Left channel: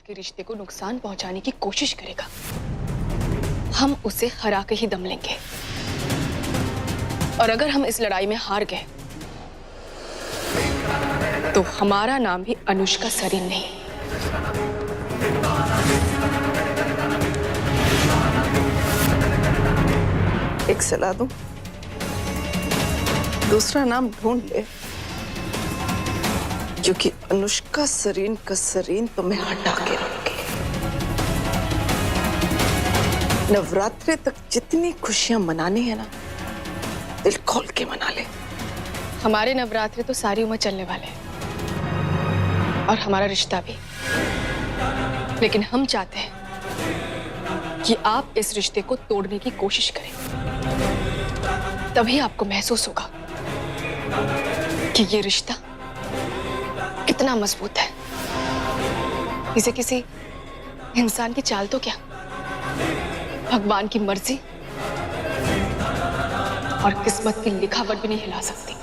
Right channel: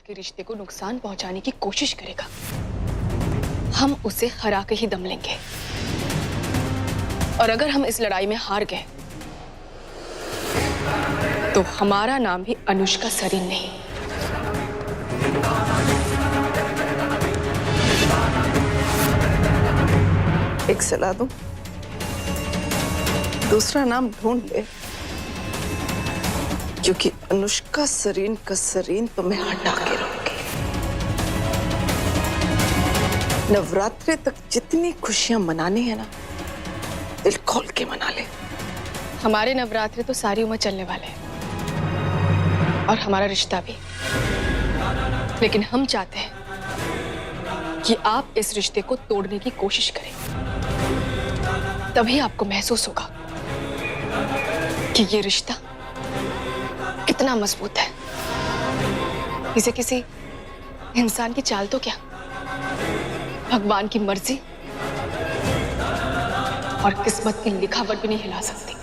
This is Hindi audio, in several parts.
रजत के रिश्ते को नुकसान पहुंचाने की कोशिश करेगा, हम उसे हरा के ही दम लेंगे। और अगर हम इस लड़ाई में हार गए तो हमारा नाम भी अनुष्का सरीन नहीं। एक सलाह दूं, दूसरा नाम ढूंढ ले, क्योंकि अनुष्का सरीन का सरीन तो मैं हटा के रहूंगी। नवरात्रि तक जितनी खुशियां मनानी है ना, दिल खोल के मना ले। हमारे नवरात्रि तो सारी उम्र चलने वाले हैं और हमारा रिश्ता भी, लेकिन हम चाहते हैं कि आप इस रिश्ते को तोड़ने की कोशिश करें। तभी आपको महसूस होगा कि ये रिश्ता कितना मजबूत है। इसे किसी इंसान की चाल तो क्या, भगवान की मर्जी और किस्मत की लिखावट भी नहीं हिला सकती।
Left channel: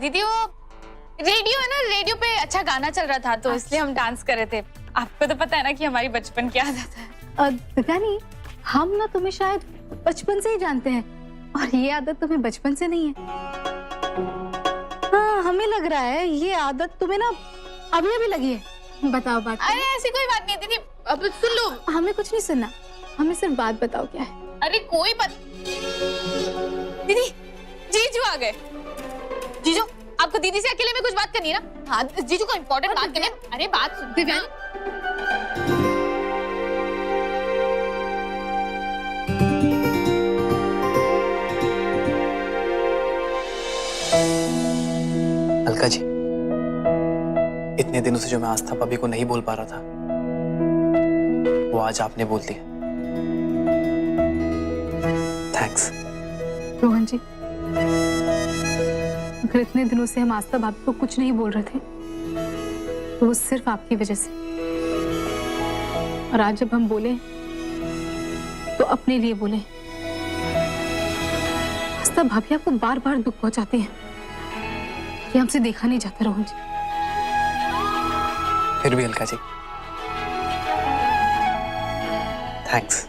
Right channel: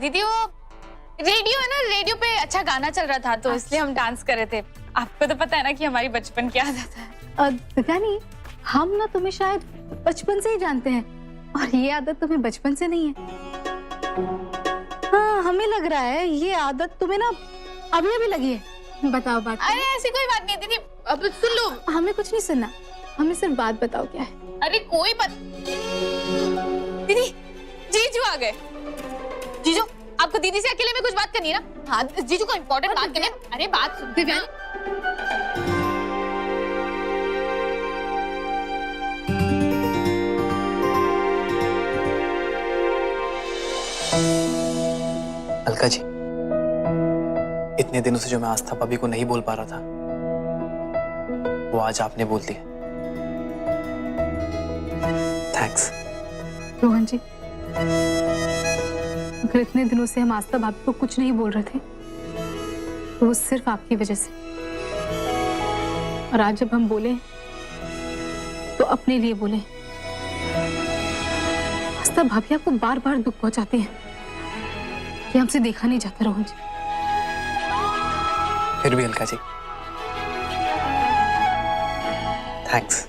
दीदी वो रेडियो है ना, रेडियो पे अच्छा गाना चल रहा था तो इसलिए हम डांस कर रहे थे। आपको तो पता है ना कि हमारी बचपन की आदत है। दीवानी, हम ना तुम्हें शायद बचपन से ही जानते हैं और ये आदत तुम्हें बचपन से नहीं है। हाँ, हमें लग रहा है ये आदत तुम्हें ना अभी अभी लगी है। बताओ बात। अरे ऐसी कोई बात नहीं दीदी, अब सुन लो। हमें कुछ नहीं सुनना, हमें सिर्फ बात बताओ क्या है। अरे कोई बात। दीदी जीजू आ गए। जीजू आपको दीदी से अकेले में कुछ बात करनी है ना? हाँ जीजू को इम्पोर्टेंट बात करनी है। अरे बात सुन दिव्यानी। अलका जी, इतने दिनों से जो मैं आस्था भाभी को नहीं बोल पा रहा था, वो आज आपने बोल दिया। थैंक्स। रोहन जी, अगर इतने दिनों से हम आस्था भाभी को कुछ नहीं बोल रहे थे तो वो सिर्फ आपकी वजह से। और आज जब हम बोले तो अपने लिए बोले। आस्था भाभी आपको बार बार दुख पहुंचाती हैं, ये हमसे देखा नहीं जाता रोहन जी। फिर भी अलका जी थैंक्स।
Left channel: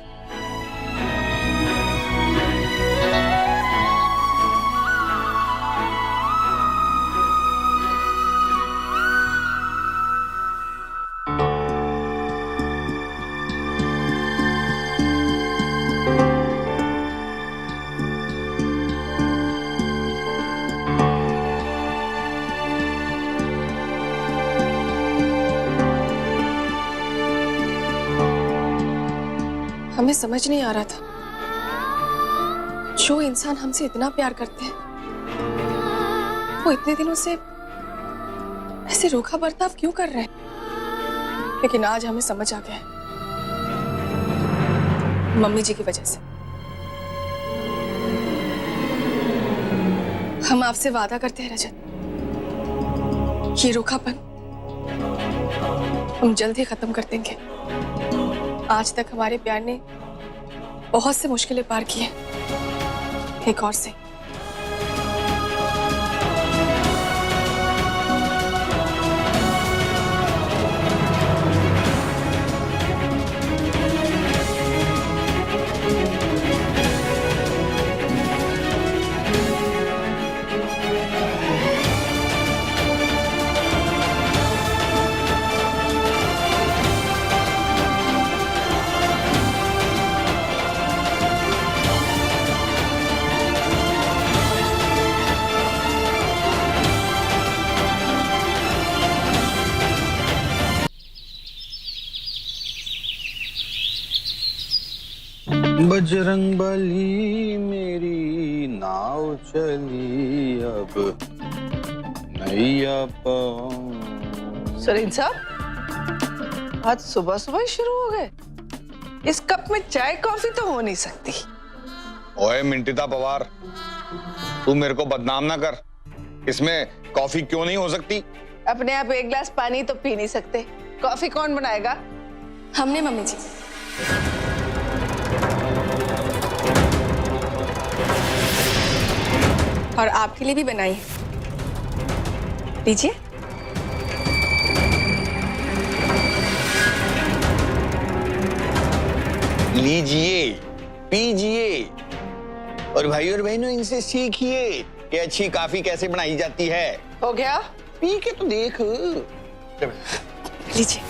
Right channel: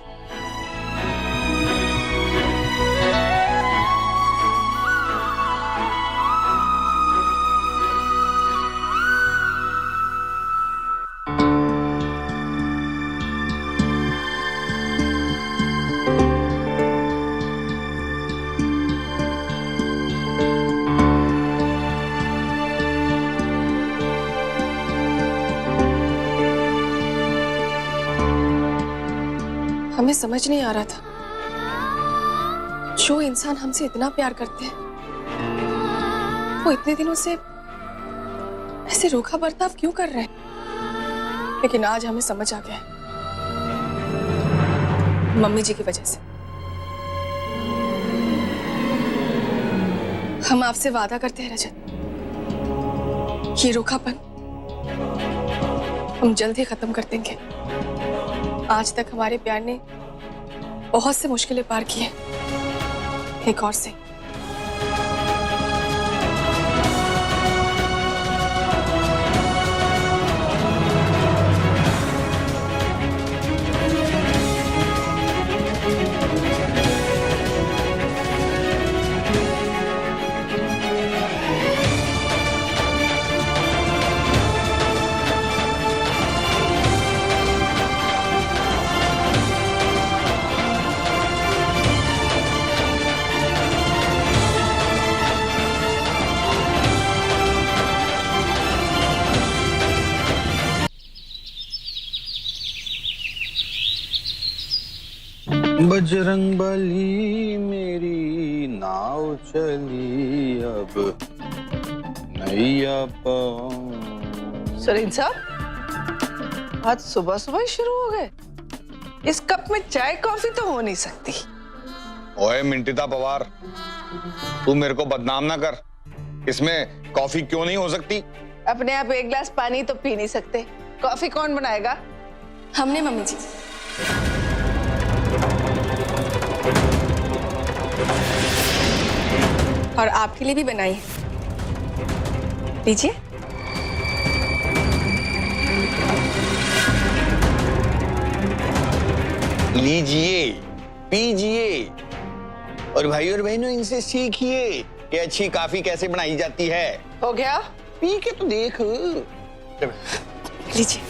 हमें समझ नहीं आ रहा था, जो इंसान हमसे इतना प्यार करते हैं वो इतने दिनों से ऐसे रूखा बर्ताव क्यों कर रहे हैं। लेकिन आज हमें समझ आ गया है, मम्मी जी की वजह से। हम आपसे वादा करते हैं रजत, ये रूखापन हम जल्द ही खत्म कर देंगे। आज तक हमारे प्यार ने बहुत से मुश्किलें पार की हैं, एक और से। बजरंग बली मेरी नाव चली अब नैया पाऊं। सरीन साहब, आज सुबह सुबह ही शुरू हो गए। इस कप में चाय कॉफी तो हो नहीं सकती। ओए मिंटिता पवार, तू मेरे को बदनाम ना कर। इसमें कॉफी क्यों नहीं हो सकती? अपने आप एक गिलास पानी तो पी नहीं सकते, कॉफी कौन बनाएगा? हमने मम्मी जी। और आपके लिए भी बनाई है, लीजिए। लीजिए, पीजिए और भाई और बहनों इनसे सीखिए कि अच्छी कॉफी कैसे बनाई जाती है। हो गया? पी के तो देख। लीजिए।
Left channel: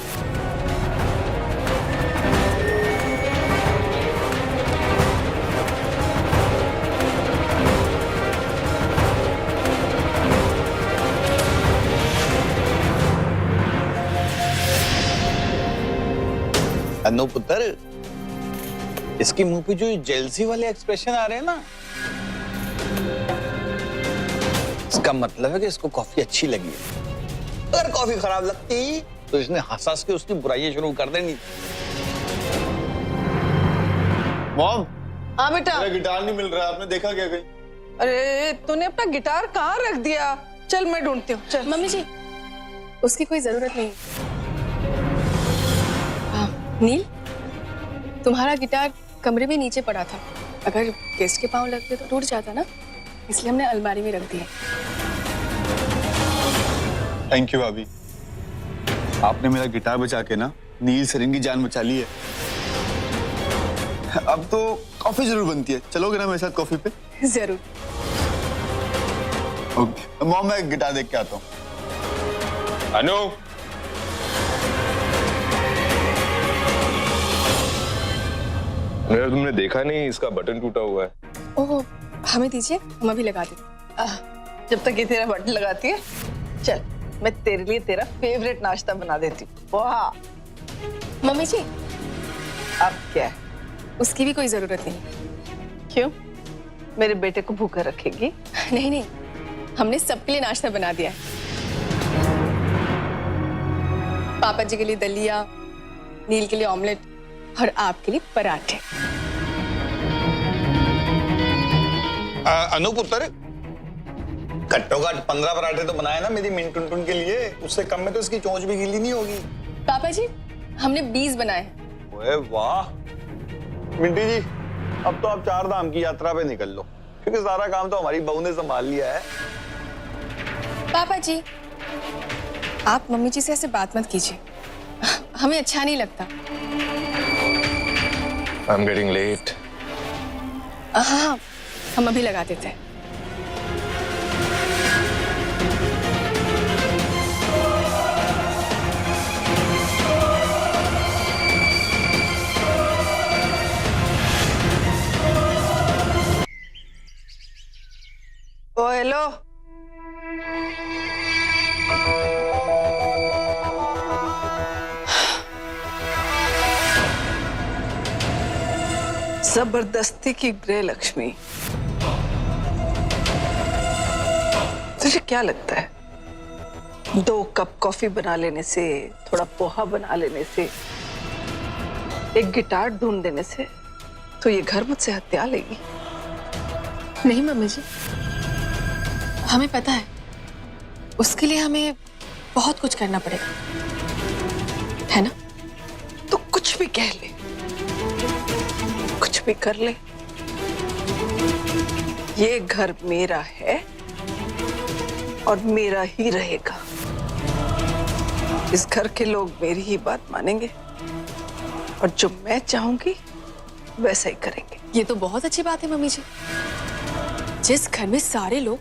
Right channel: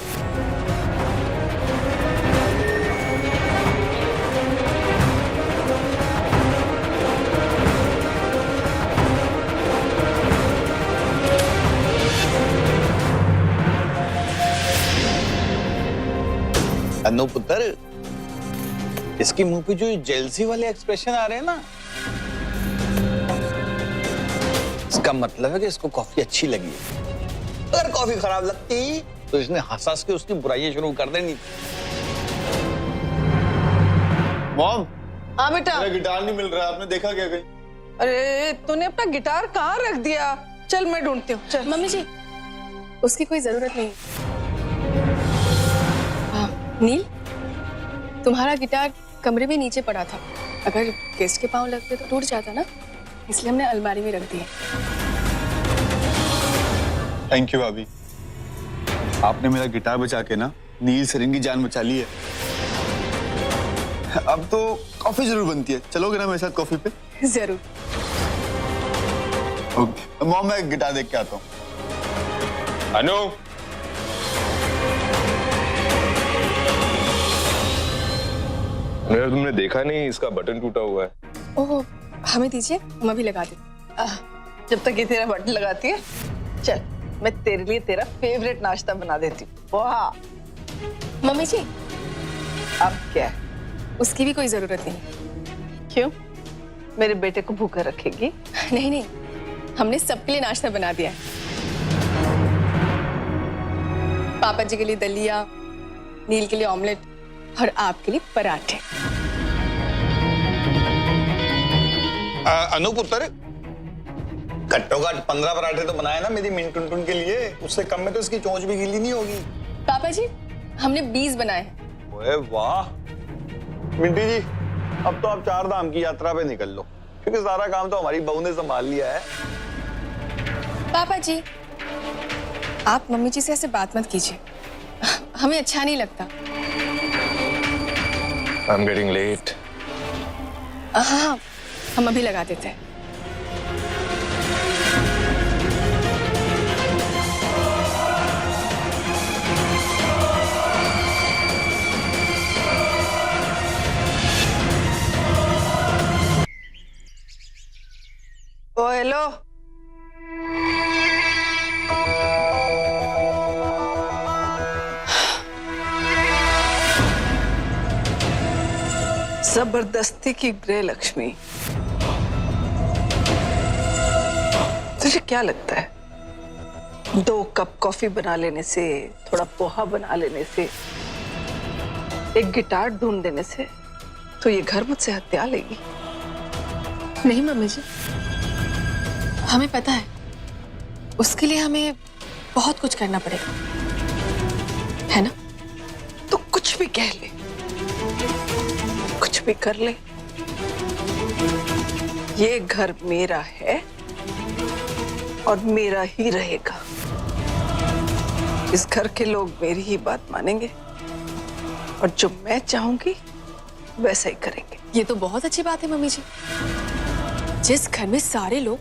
अनु पुत्र, इसके मुंह पे जो जेलसी वाले एक्सप्रेशन आ रहे हैं ना, इसका मतलब है कि इसको कॉफी अच्छी लगी है। अगर कॉफी खराब लगती तो इसने हंस हंस के उसकी बुराइयां शुरू कर देनी। मॉम, हाँ बेटा। मेरा गिटार नहीं मिल रहा, आपने देखा क्या कहीं? अरे तूने अपना गिटार कहाँ रख दिया? चल मैं ढूंढती हूँ, चल। मम्मी जी, उसकी कोई जरूरत नहीं। हाँ, नील, तुम्हारा गिटार कमरे में नीचे पड़ा था। अगर गेस्ट के पांव लगते तो टूट जाता ना, इसलिए हमने अलमारी में रख दिया। थैंक यू भाभी, आपने मेरा गिटार बचा के ना नील सरीन की जान बचा ली है। अब तो कॉफी जरूर बनती है, चलोगे ना मेरे साथ कॉफी पे? जरूर। ओके मॉम, मैं गिटार देख के आता हूँ। अनु, यार तुमने देखा नहीं, इसका बटन टूटा हुआ है। ओह, हमें दीजिए, हम अभी लगा देते। जब तक ये तेरा बटन लगाती है, चल मैं तेरे लिए तेरा फेवरेट नाश्ता बना देती हूँ। वाह। मम्मी जी, अब क्या है? उसकी भी कोई जरूरत नहीं। क्यों? मेरे बेटे को भूखा रखेगी? नहीं नहीं, हमने सबके लिए नाश्ता बना दिया है। पापा जी के लिए दलिया, नील के लिए ऑमलेट और आपके लिए पराठे। अनु पुत्र, घट्टो घट 15 पराठे तो बनाए ना मेरी मिनटुन के लिए। उससे कम में तो इसकी चोंच भी गीली नहीं होगी। पापा जी, हमने 20 बनाए हैं। ओए वाह मिंटी जी, अब तो आप 4 धाम की यात्रा पे निकल लो, क्योंकि सारा काम तो हमारी बहू ने संभाल लिया है। पापा जी, आप मम्मी जी से ऐसे बात मत कीजिए, हमें अच्छा नहीं लगता। I'm getting late. हाँ, हम अभी लगा देते हैं। ओ हेलो, जबरदस्ती की गृह लक्ष्मी। तुझे क्या लगता है 2 कप कॉफी बना लेने से, थोड़ा पोहा बना लेने से, एक गिटार ढूंढ देने से तो ये घर मुझसे हत्या लेगी? नहीं मम्मी जी, हमें पता है उसके लिए हमें बहुत कुछ करना पड़ेगा, है ना? तो कुछ भी कह ले, कुछ भी कर ले, ये घर मेरा है और मेरा ही रहेगा। इस घर के लोग मेरी ही बात मानेंगे और जो मैं चाहूंगी वैसा ही करेंगे। ये तो बहुत अच्छी बात है मम्मी जी। जिस घर में सारे लोग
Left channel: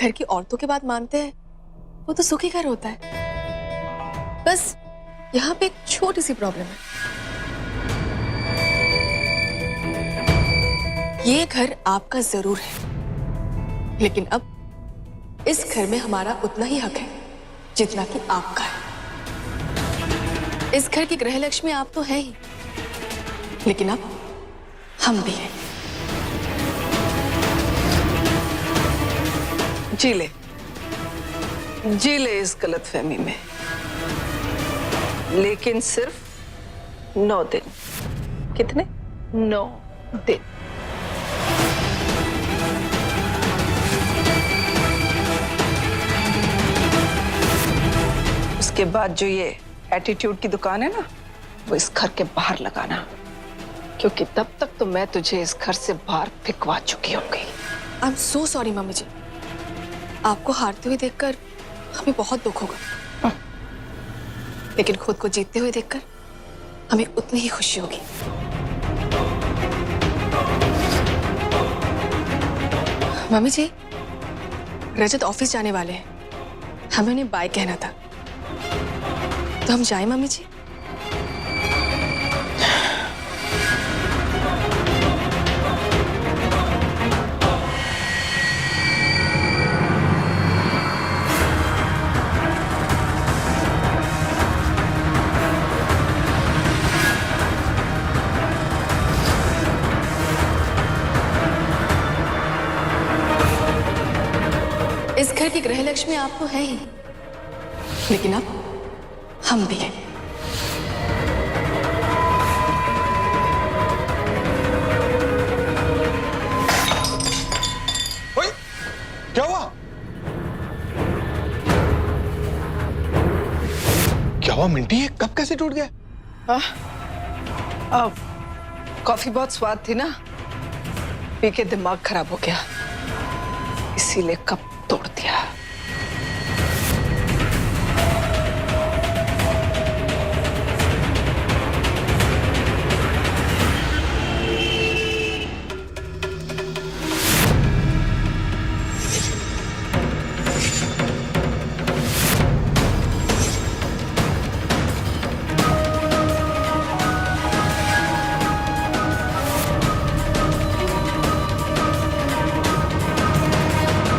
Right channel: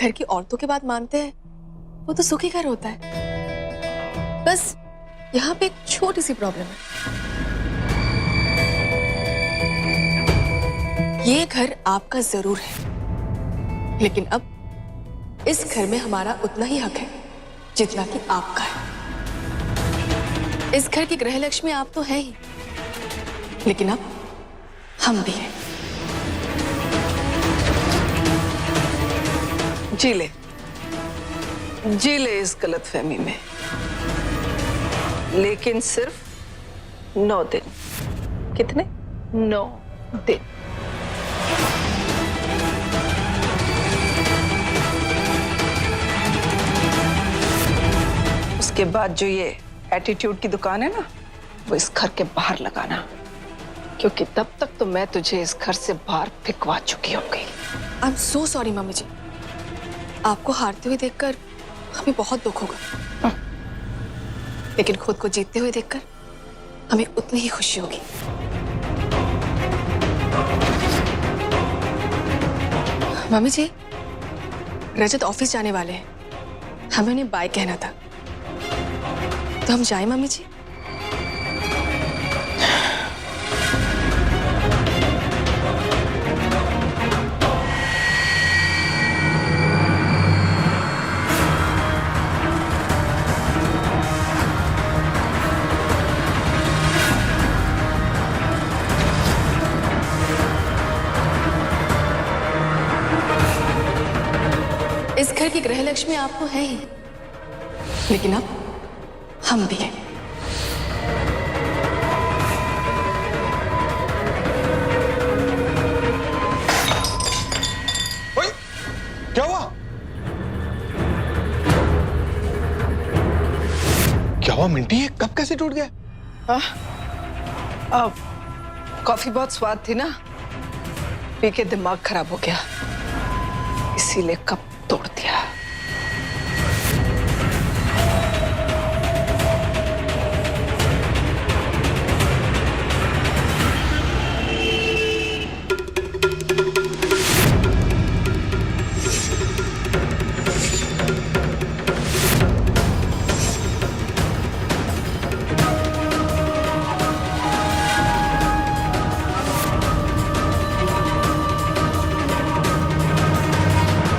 घर की औरतों की बात मानते हैं, वो तो सुखी घर होता है। बस यहाँ पे एक छोटी सी प्रॉब्लम है। ये घर आपका जरूर है, लेकिन अब इस घर में हमारा उतना ही हक है जितना कि आपका है। इस घर की गृह लक्ष्मी आप तो है ही, लेकिन अब हम भी हैं। जी ले इस गलतफहमी में। लेकिन सिर्फ 9 दिन। कितने? 9 दिन। उसके बाद जो ये एटीट्यूड की दुकान है ना, वो इस घर के बाहर लगाना, क्योंकि तब तक तो मैं तुझे इस घर से बाहर फिकवा चुकी होंगी। I am so sorry mummy ji, आपको हारते हुए देखकर हमें बहुत दुख होगा, लेकिन खुद को जीतते हुए देखकर हमें उतनी ही खुशी होगी। मम्मी जी, रजत ऑफिस जाने वाले हैं, हमें उन्हें बाय कहना था, तो हम जाएं मम्मी जी? इस घर की गृह लक्ष्मी आप तो है ही, लेकिन अब हम भी हैं। ओए, क्या हुआ? क्या हुआ मिंटी, ये कप कैसे टूट गया? अब कॉफी बहुत स्वाद थी ना, पी के दिमाग खराब हो गया, इसीलिए कप तोड़ दिया।